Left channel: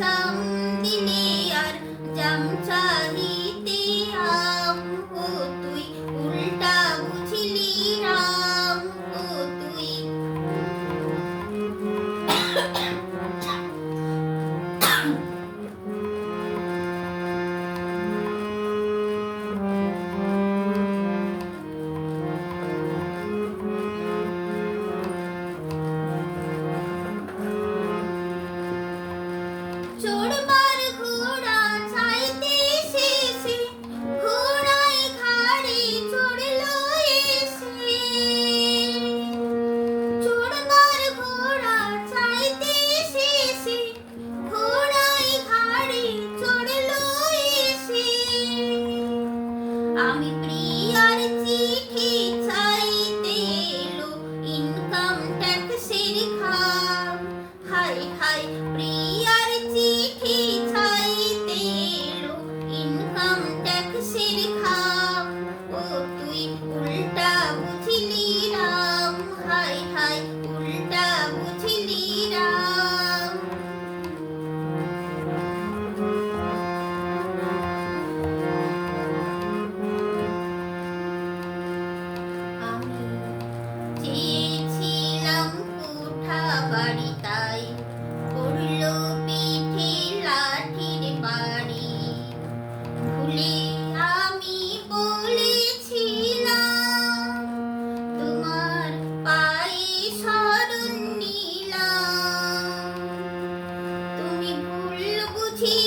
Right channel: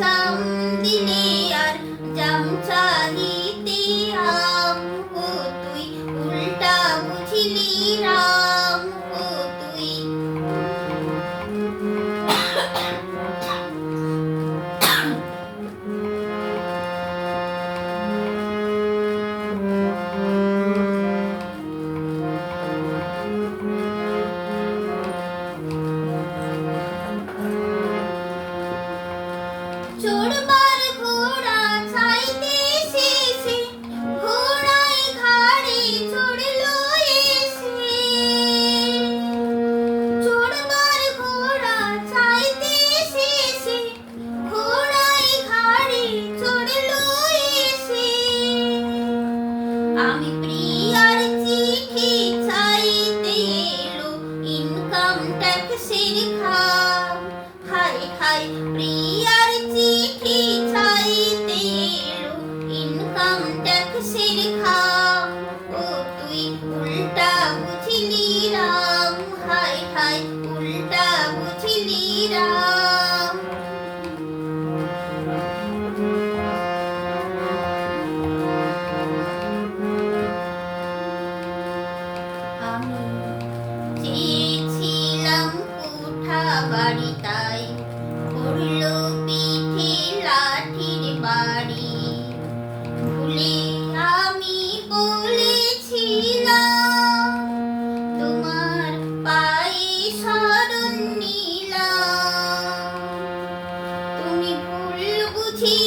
জাম দিলে আর জাম চাহিতে আম, ও তুই উল্টা বুঝিলি রাম, ও তুই। চড়বার ঘোড়া চাইতে শেষে ঘোড়ায় ঘাড়ে চড়লো এসে। চড়বার ঘোড়া চাইতে শেষে ঘোড়ায় ঘাড়ে চড়লো এসে। আমি প্রিয়ার চিঠি চাইতে এলো ইনকাম ট্যাক্সের খাম। হায় হায় প্রিয়ার চিঠি চাইতে এলো ইনকাম ট্যাক্সের খাম, ও তুই উল্টা বুঝিলি রাম, হায় হায় উল্টা বুঝিলি রাম। আমি চেয়েছিলাম কোঠা বাড়ি, তাই পড়লো পিঠে লাঠির বাড়ি। ভুলে আমি বলেছিলাম তোমার পায়ে শরণ নিলাম। তুমি ভুল বুঝি